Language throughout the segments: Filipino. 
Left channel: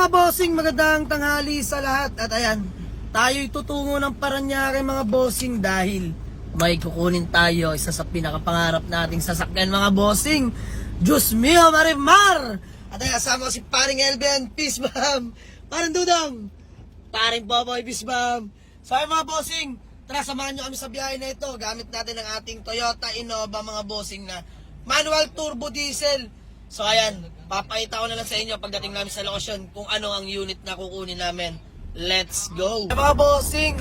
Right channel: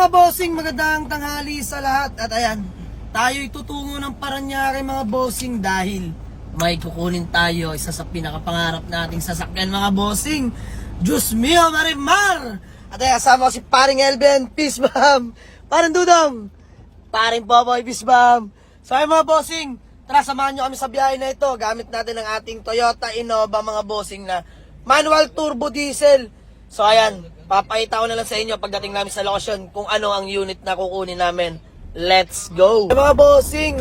mga bossing, magandang tanghali sa lahat. At ayan, tayo'y tutungo ng Parañaque mga bossing dahil may kukunin tayo isa sa pinakapangarap nating sasakyan mga bossing. Diyos mio, Marimar! At ayan, kasama ko si paring Elben, peace bam! Paring Dudong, paring Popoy, peace bam! So ayan mga bossing, tara samahan nyo kami sa biyahe na ito. Gamit natin ang ating Toyota Innova mga bossing na manual turbo diesel. So ayan, papakita ko na lang sa inyo pagdating namin sa lokasyon kung ano ang unit na kukunin namin. Let's go! Mga bossing,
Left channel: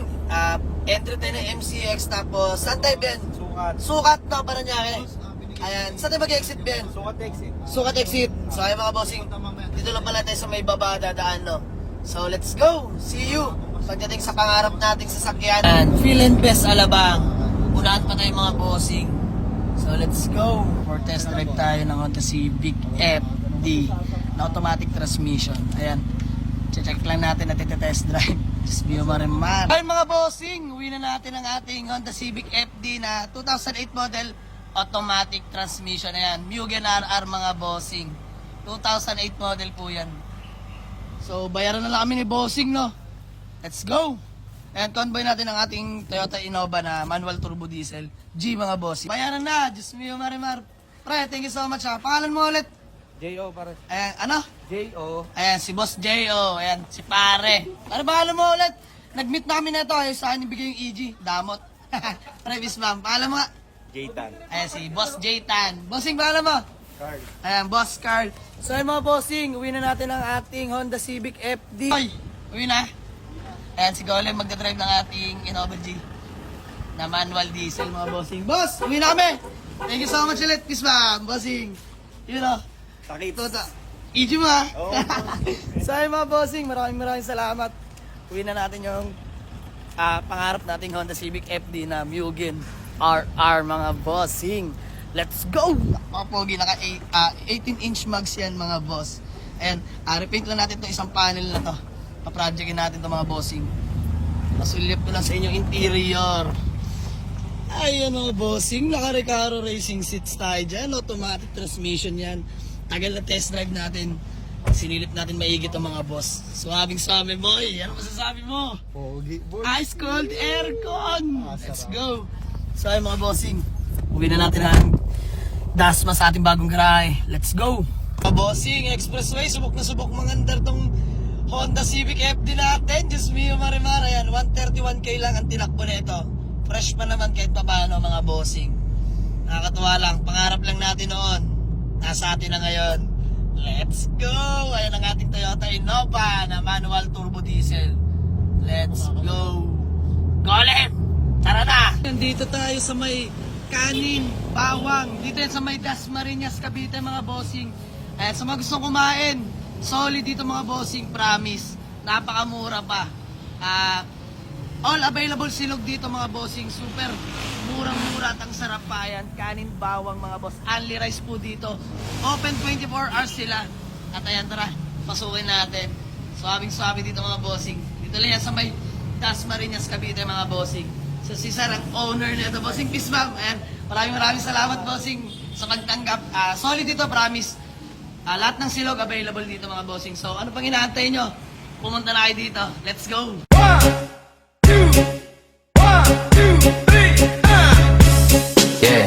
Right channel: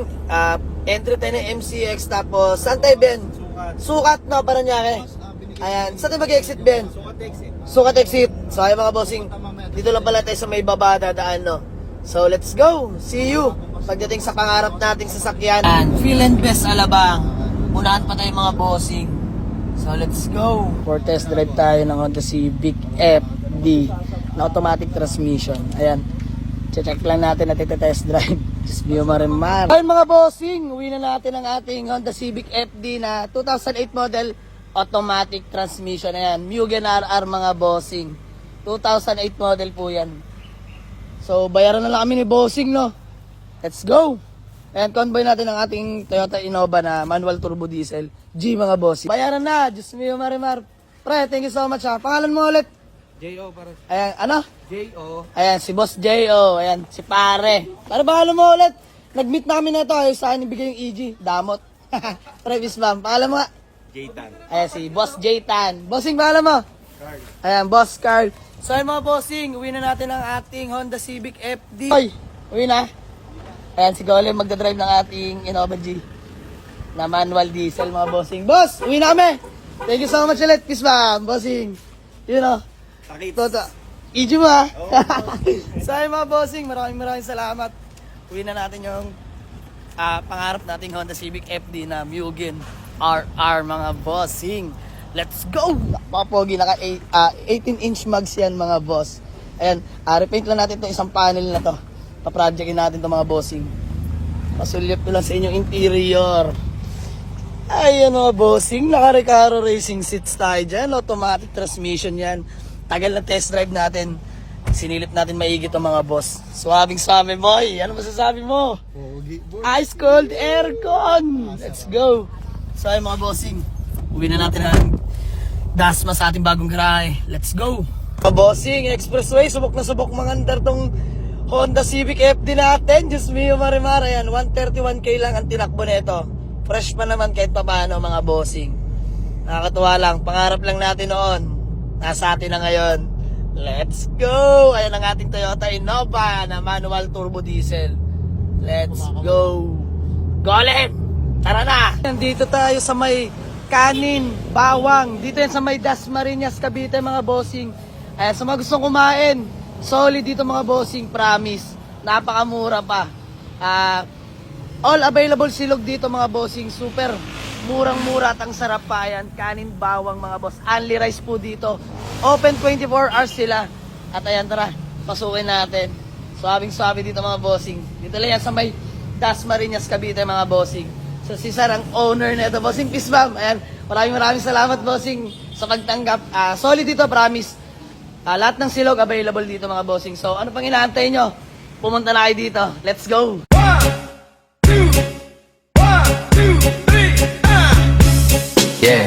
entry tayo ng MCX tapos saan tayo Ben? Sukat no, Parañaque. Ayan, saan tayo mag-exit Ben? Sukat exit. So ayan mga bossing, dito lang pala tayo sa may baba na daan no. So let's go! See you! Pagdating sa pangarap nating sasakyan. And Feel and Best Alabang. Unahan pa tayo mga bossing. So let's go! For test drive tayo ng Honda Civic FD na automatic transmission. Ayan, check lang natin at iti-test drive. Just be Marimar. Ayun mga bossing, uwi na natin ang ating Honda Civic FD na 2008 model automatic transmission. Ayan, Mugen RR mga bossing. 2008 model po yan. So bayaran na lang kami ni bossing no. Let's go! Ayan, convoy natin ang ating Toyota Innova na manual turbo diesel G mga bossing. Bayaran na, Diyos mio Marimar. Pre, thank you so much ha. Pangalan mo ulit? J.O. para. Ayan, ano? J.O. Ayan, si Boss J.O. Ayan, si pare. Ano pangalan mo ulit? Nag-meet namin na ito. Ayun, sa akin ibigay yung EG. Damot. Previs bam. Pangalan mo nga? J-Tan. Ayan, si Boss J-Tan. Bossing, pangalan mo? Carl. Ayan, Boss Carl. So, ayun mga bossing, uwi na natin ang ating Honda Civic FD. Oy, uwi na. Ayan, si Golem magdadrive ng ating Innova G na manual diesel mga bossing. Boss, uwi na kami. Thank you so much ulit. Peace bam, bossing. You know. Takit. Toto. EG mo ha. Oo. So ayun mga bossing, maraming salamat. Uwi na natin yung pangarap nating Honda Civic FD na Mugen RR mga bossing. Let's go! Papogi, naka 18-inch mags yan mga boss. Ayan, repaint lang natin itong isang panel na to. Pa-projectin natin itong mga bossing. Pasulip ko lang sa inyong interior. Ayan mga bossing, naka-Recaro Racing seats tayo dyan. Automatic transmission yan. Tagal na test drive natin. Sinilip natin maigit ang mga boss. Swabing swami boy. Ano masasabi mo? Pogi. Ice cold aircon. Let's go. So ay mga bossing, uwi na natin ang Dasma sa ating bagong garahe. Let's go. Mga bossing, expressway. Subok na subok mangandar tong Honda Civic FD natin. Diyos mio Marimar. Ayan, 131k lang ang tinakbo nito. Fresh pa naman kahit pa paano mga bossing. Nakakatuwa lang. Pangarap lang natin noon. Nasa atin na ngayon. Let's go! Ayan ang ating Toyota Innova na manual turbo diesel. Let's go! Go ulit! Tara na! Nandito tayo sa may kanin, bawang. Dito yan sa may Dasmariñas, Cavite mga bossing. Ayan, sa mga gustong kumain, solid dito mga bossing, promise. Napakamura pa. All available silog dito mga bossing. Super murang-mura at ang sarap pa. Ayan, kanin, bawang mga boss. Only rice po dito. Open 24 hours sila. At ayan, tara, pasukin natin. Swabing-swabe dito mga bossing. Dito lang yan sa may Dasmariñas, Cavite mga bossing. So si Sir ang owner na ito, bossing. Peace bam. Ayan, maraming salamat bossing sa pagtanggap. Solid dito, promise. Lahat ng silog available dito mga bossing. So ano pang inaantay nyo? Pumunta na kayo dito. Let's go! 1, 2, 3, yeah.